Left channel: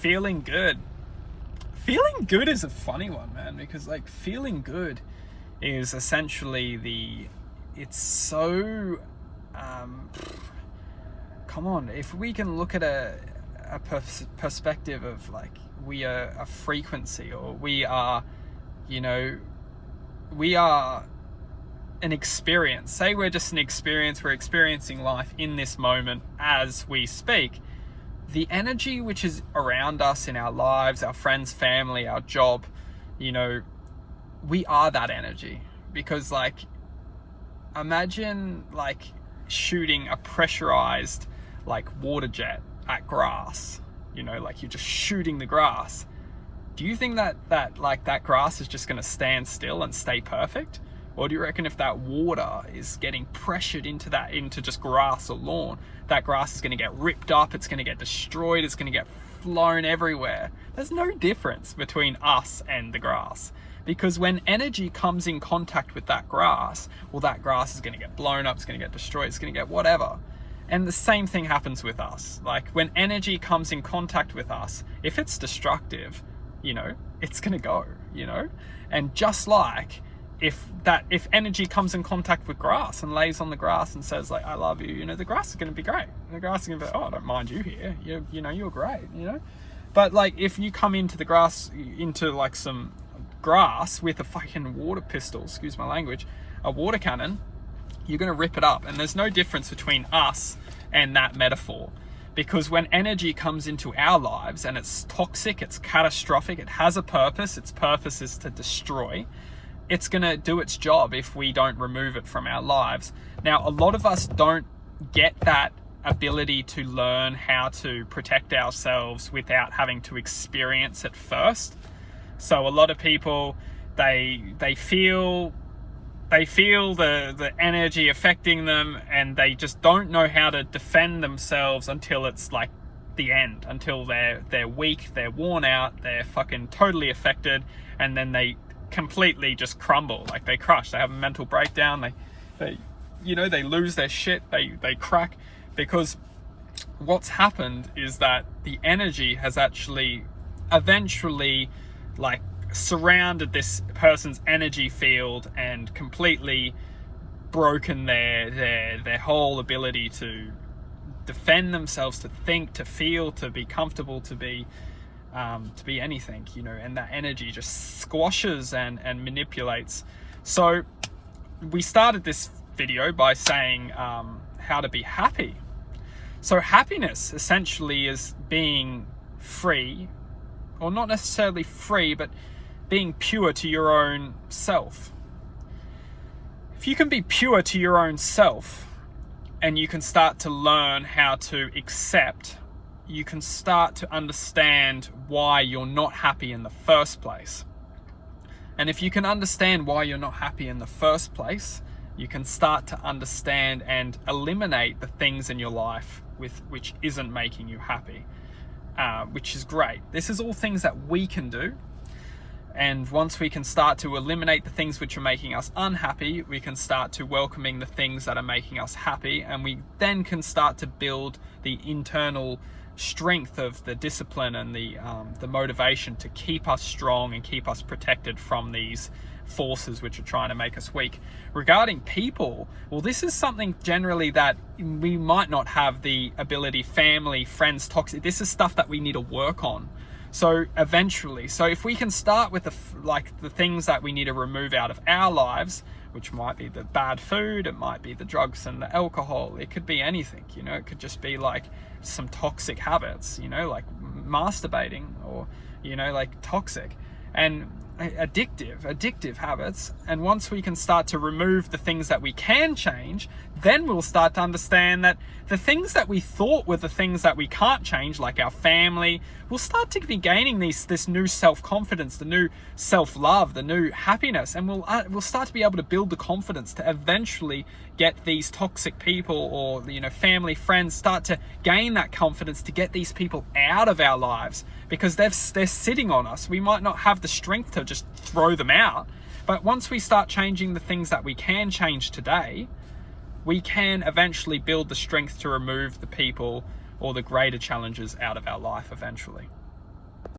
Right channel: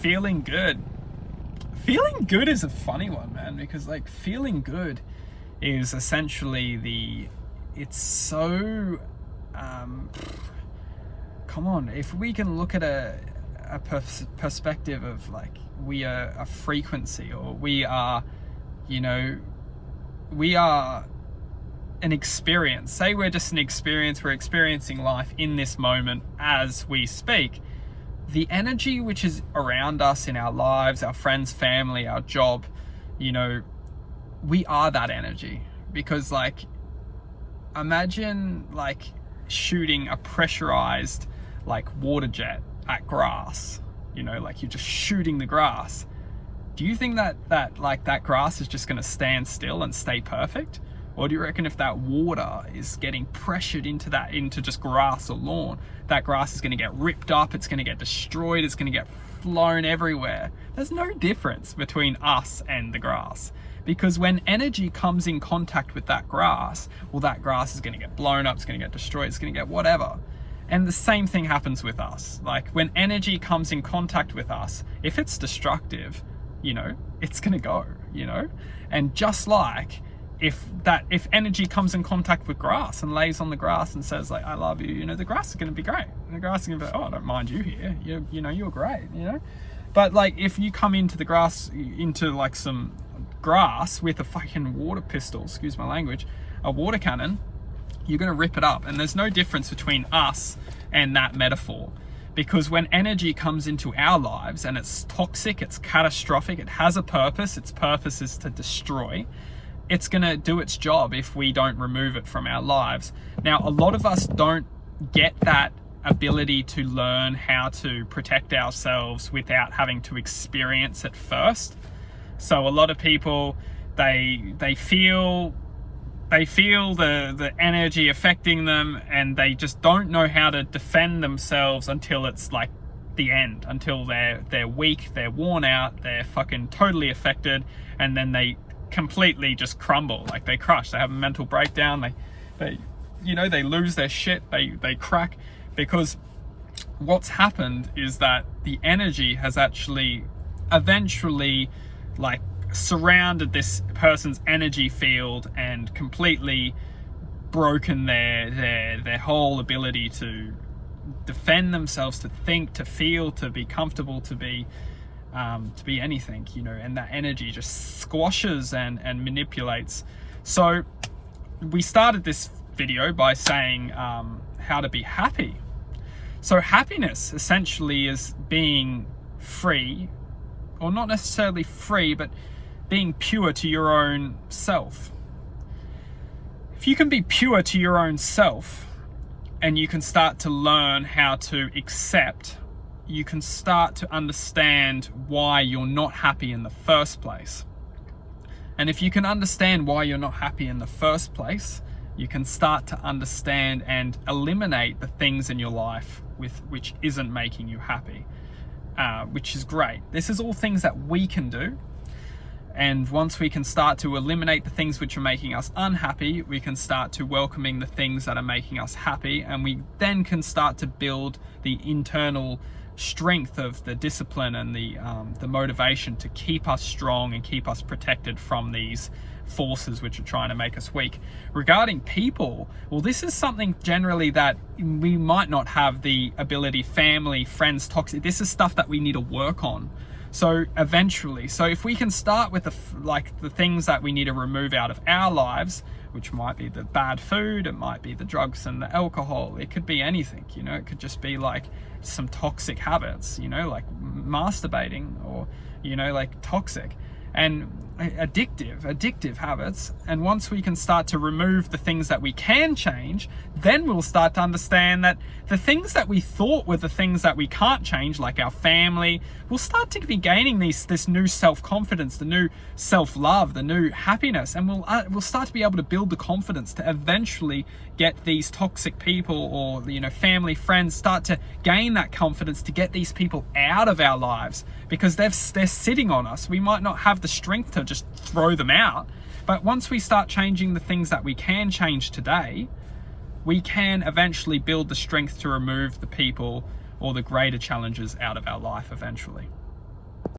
feeling good. Feeling good is a funny one, man, because like feeling good is essentially it's so, come on, if we can look at a perspective of like, we are a frequency, or we are, we are an experience. Say we're just an experience, we're experiencing life in this moment as we speak. The energy which is around us in our lives, our friends, family, our job, we are that energy. Because like, imagine like shooting a pressurized like water jet at grass, like you're just shooting the grass. Do you think that grass is just going to stand still and stay perfect? Or do you reckon if that water is getting pressured into just grass or lawn, that grass is going to get ripped up, it's going to get destroyed, it's going to get flown everywhere? There's no difference between us and the grass. Because when energy comes in contact with that grass, well, that grass is going to get blown up, it's going to get destroyed, it's going to get whatever. And the same thing happens with us. Like when energy comes in contact with us, if it's destructive, it's going to go, And just like if energy comes in contact with grass and lays on the grass and says like, I love you, the grass is going to be great. And the grass is going to be like, oh, I don't mind you here. You're great, But like if you come into the grass, into like some grass with a fucking water pistol, excuse my language, a water cannon, you're going to rip it up. And there's no difference between us and that metaphor. Because when energy comes into our lives and it's toxic, it's catastrophic, it has a purpose, its purpose is to destroy, it's going to do its job if we don't remove it from our lives. Now, a lot of us don't get that ability to learn how to protect ourselves without having to experience it first. So a lot of people, they feel the energy affecting them, and they just don't know how to defend themselves until it's like the end, until they're weak, they're worn out, they're fucking totally affected, and then they completely just crumble, like they crush, they have a mental breakdown, they lose their shit, they crack, because what's happened is that the energy has actually eventually like surrounded this person's energy field and completely broken their whole ability to defend themselves, to think, to feel, to be comfortable, to be anything, and that energy just squashes and manipulates. So we started this video by saying how to be happy. So happiness essentially is being free, or not necessarily free, but being pure to your own self. If you can be pure to your own self and you can start to learn how to accept, you can start to understand why you're not happy in the first place. And if you can understand why you're not happy in the first place, you can start to understand and eliminate the things in your life which isn't making you happy, which is great. This is all things that we can do. And once we can start to eliminate the things which are making us unhappy, we can start to welcoming the things that are making us happy, and we then can start to build the internal strength of the discipline and the motivation to keep us strong and keep us protected from these forces which are trying to make us weak. Regarding people, well, this is something generally that we might not have the ability, family, friends, toxic, this is stuff that we need to work on. So eventually, if we can start with the things that we need to remove out of our lives, which might be the bad food, it might be the drugs and the alcohol, it could be anything, it could just be like some toxic habits, like masturbating, or, like toxic and addictive habits. And once we can start to remove the things that we can change, then we'll start to understand that the things that we thought were the things that we can't change, like our family, we'll start to be gaining this new self-confidence, the new self-love, the new happiness, and we'll start to be able to build the confidence to eventually get these toxic people, or family, friends, start to gain that confidence to get these people out of our lives, because they're sitting on us. We might not have the strength to just throw them out, but once we start changing the things that we can change today, we can eventually build the strength to remove the people or the greater challenges out of our life eventually.